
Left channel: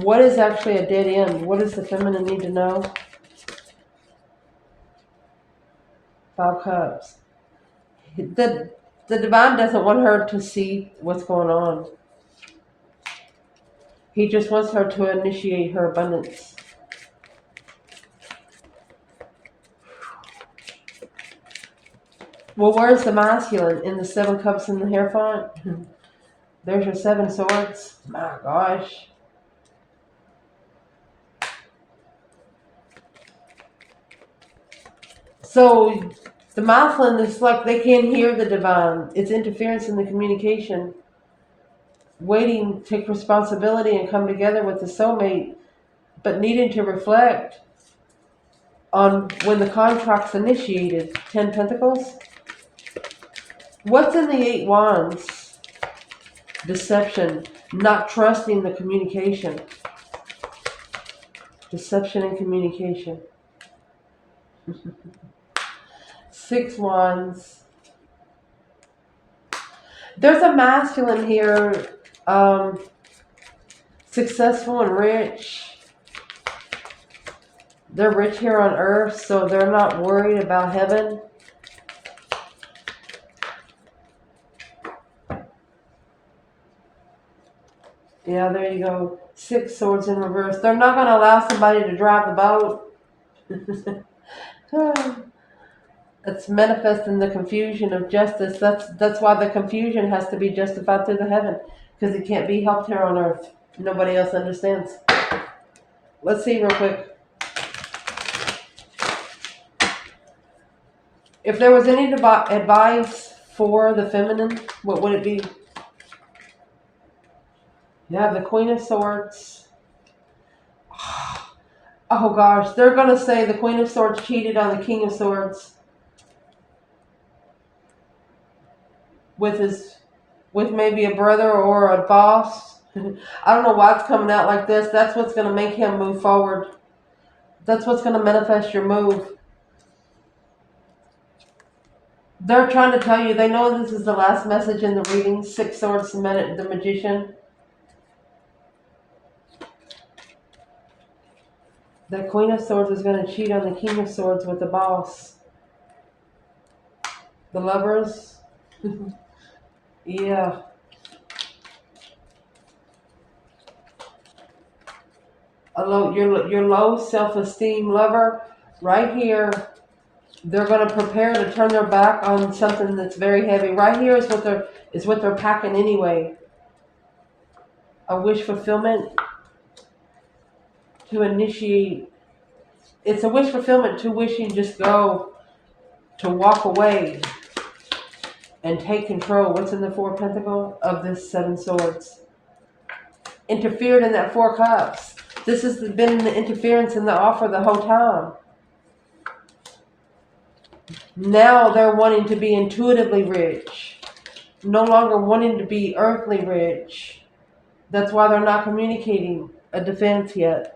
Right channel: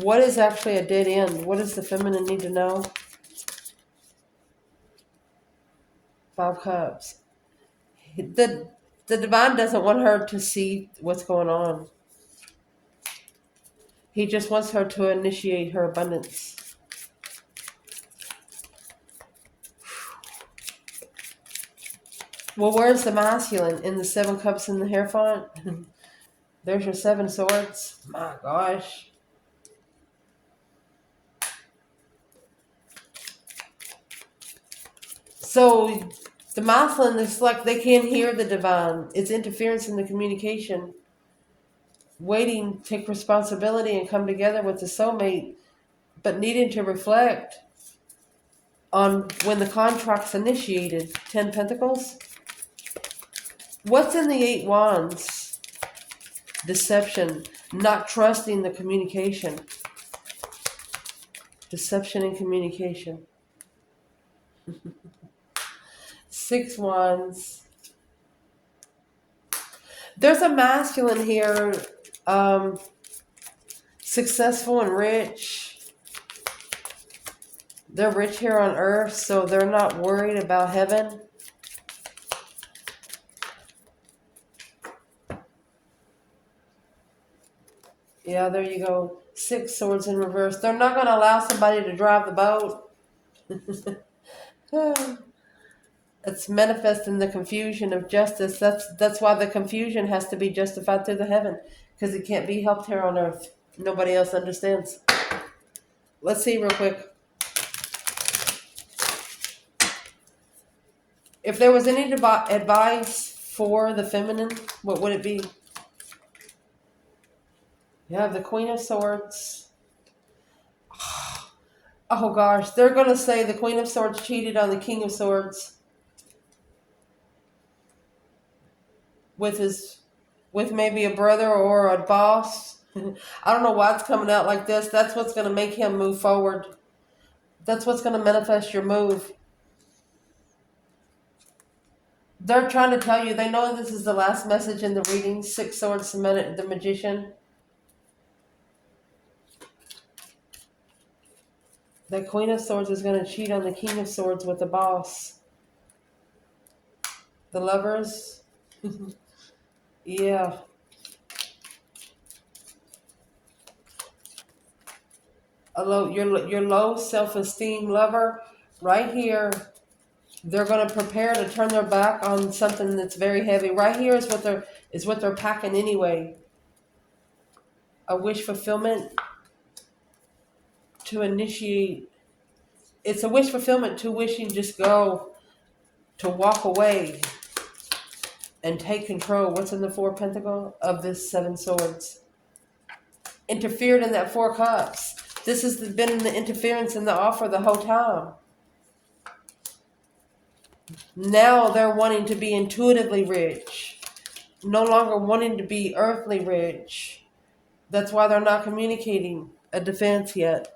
What is actually a dead end? What does the feminine need to know? 5 Cups. The divine doesn't want her to see what's going on. He just wants her to initiate her abundance. Well, where's the masculine? In the 7 Cups in the Hierophant? There's your 7 Swords. My gosh. So the masculine is like they can't hear the divine. It's interference in the communication. Waiting, take responsibility and come together with the soulmate, but needing to reflect on when the contract's initiated. 10 Pentacles. What's in the 8 wands? Deception. Not trusting the communication. Deception and communication. 6 wands. There's a masculine here. Successful and rich. They're rich here on earth, so they're not worried about heaven. Yeah, there you go. 6 swords in reverse. They're not going to allow somebody to drive the boat. It's manifesting the confusion of justice. That's why the confusion has to be justified through the heaven, because it can't be helped here on earth. Nobody else understands. Let's see real quick. If there was any advice for the feminine, what would it be? You have the Queen of Swords. Oh gosh, they're going to say the Queen of Swords cheated on the King of Swords with maybe a brother or a boss. I don't know why it's coming out like this. That's what's going to make him move forward. That's what's going to manifest your move. They're trying to tell you, they know this is the last message in the reading. 6 swords, the magician. The Queen of Swords is going to cheat on the King of Swords with the boss. The Lovers. Yeah. Your low self-esteem lover, right here, they're going to prepare to turn their back on something that's very heavy. Right here is what they're packing anyway. A wish fulfillment to initiate. It's a wish fulfillment to wishing just go, to walk away and take control. What's in the 4 of Pentacles of this 7 swords? Interfered in that 4 cups. This has been the interference in the offer the whole time. Now they're wanting to be intuitively rich. No longer wanting to be earthly rich. That's why they're not communicating a defense yet.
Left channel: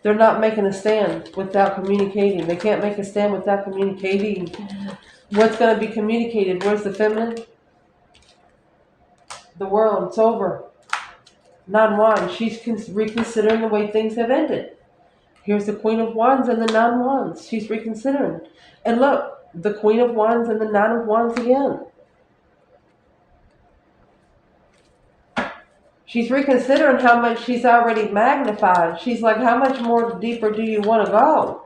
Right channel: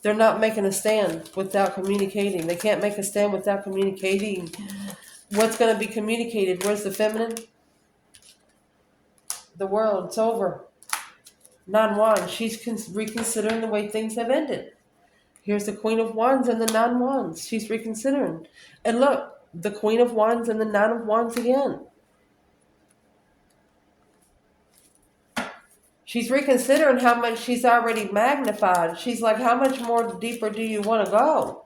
They're not making a stand without communicating. They can't make a stand without communicating. What's going to be communicated? Where's the feminine? The world. It's over. 9 wands. She's reconsidering the way things have ended. Here's the Queen of Wands and the 9 wands. She's reconsidering. And look, the Queen of Wands and the 9 of wands again. She's reconsidering how much she's already magnified. She's like, how much more deeper do you want to go?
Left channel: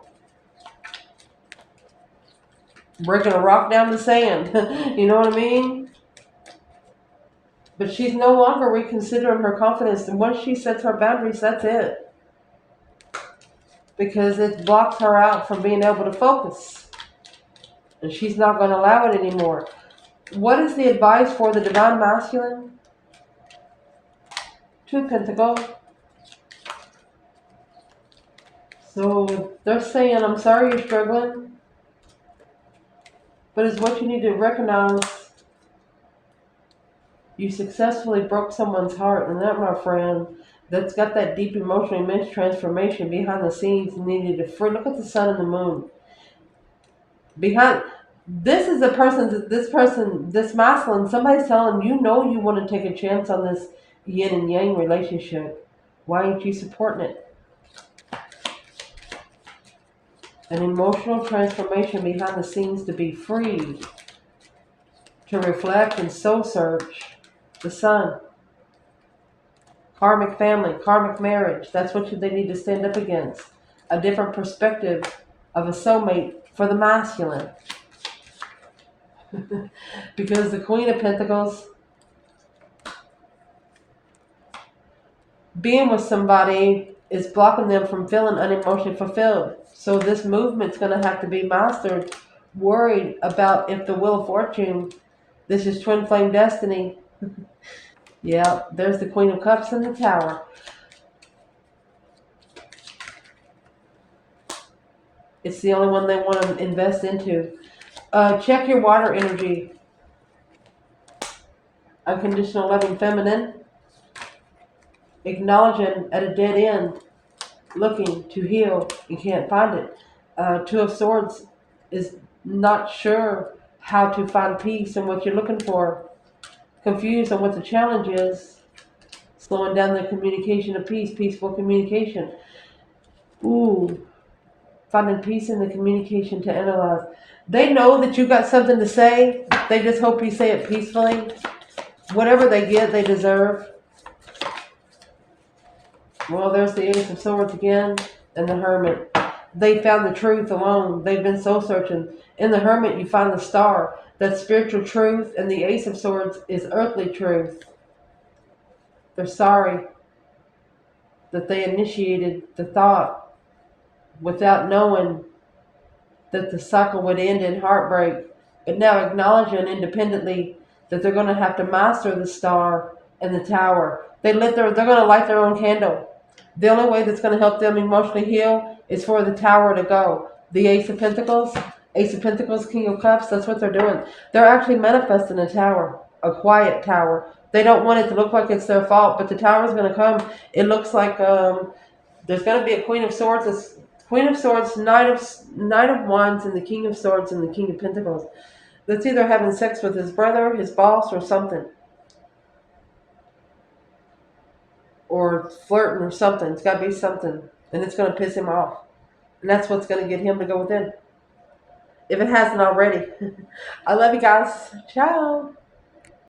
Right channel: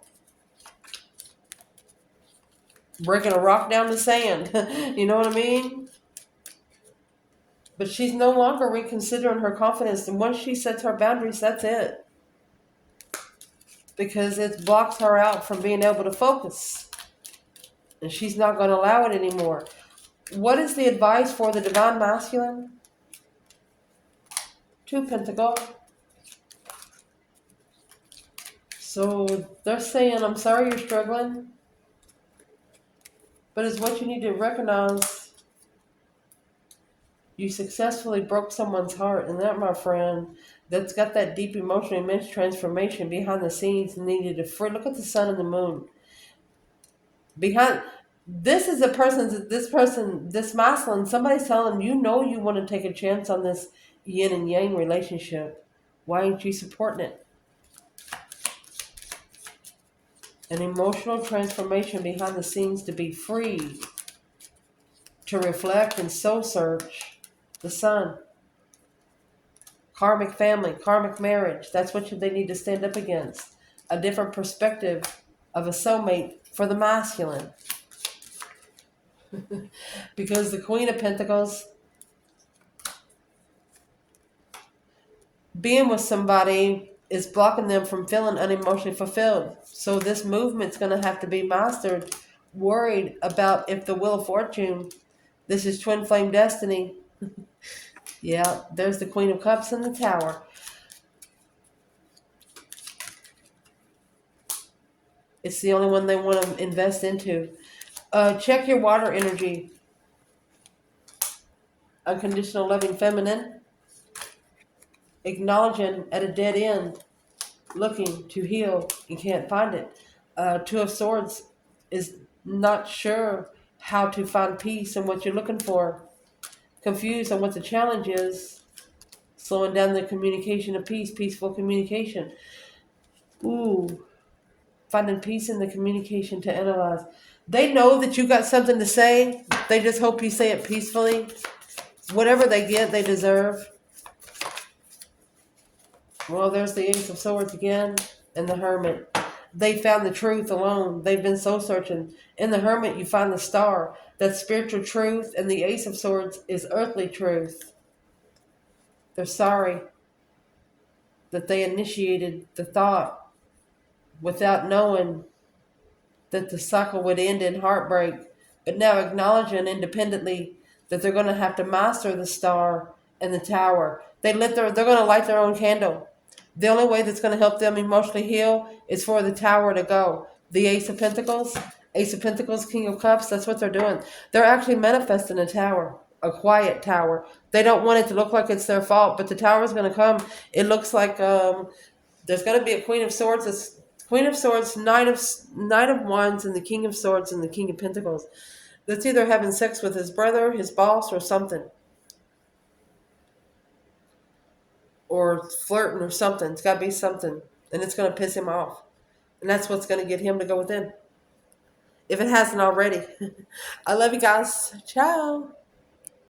Breaking a rock down the sand. You know what I mean? But she's no longer reconsidering her confidence. And once she sets her boundaries, that's it. Because it blocks her out from being able to focus. And she's not going to allow it anymore. What is the advice for the Divine Masculine? 2 of Pentacles. So they're saying, I'm sorry you're struggling. But it's what you need to recognize. You successfully broke someone's heart. And that, my friend, that's got that deep emotional immense transformation behind the scenes needed to free. Look at the sun and the moon. Behind this is this masculine, somebody's telling you know you want to take a chance on this yin and yang relationship. Why aren't you supporting it? An emotional transformation behind the scenes to be free, to reflect and soul search. The sun. Karmic family, karmic marriage. That's what they need to stand up against. A different perspective of a soulmate for the masculine. Because the Queen of Pentacles, being with somebody is blocking them from feeling unemotionally fulfilled. So this movement's going to have to be mastered. Worried about if the Wheel of Fortune, this is twin flame destiny. Yeah, there's the Queen of Cups and the Tower. It's the only one they want to invest into. Check your water energy. unconditional loving feminine, acknowledging at a dead end, looking to heal and can't find it. Two of Swords is not sure how to find peace and what you're looking for, confused on what the challenge is, slowing down the communication of peace, peaceful communication. Ooh, finding peace in the communication to analyze. They know that you got something to say. They just hope you say it peacefully. Whatever they get, they deserve. Well, there's the Ace of Swords again and the Hermit. They found the truth alone. They've been soul searching. In the Hermit, you find the star. That's spiritual truth, and the Ace of Swords is earthly truth. They're sorry that they initiated the thought without knowing that the cycle would end in heartbreak, but now acknowledging independently that they're going to have to master the star and the tower. They're going to light their own candle. The only way that's going to help them emotionally heal is for the tower to go. The Ace of Pentacles, King of Cups, that's what they're doing. They're actually manifesting a tower, a quiet tower. They don't want it to look like it's their fault, but the tower is going to come. It looks like there's going to be a Queen of Swords, Knight of Wands, and the King of Swords and the King of Pentacles. That's either having sex with his brother, his boss, or something. Or flirting or something. It's got to be something. And it's going to piss him off. And that's what's going to get him to go within. If it hasn't already. I love you guys. Ciao.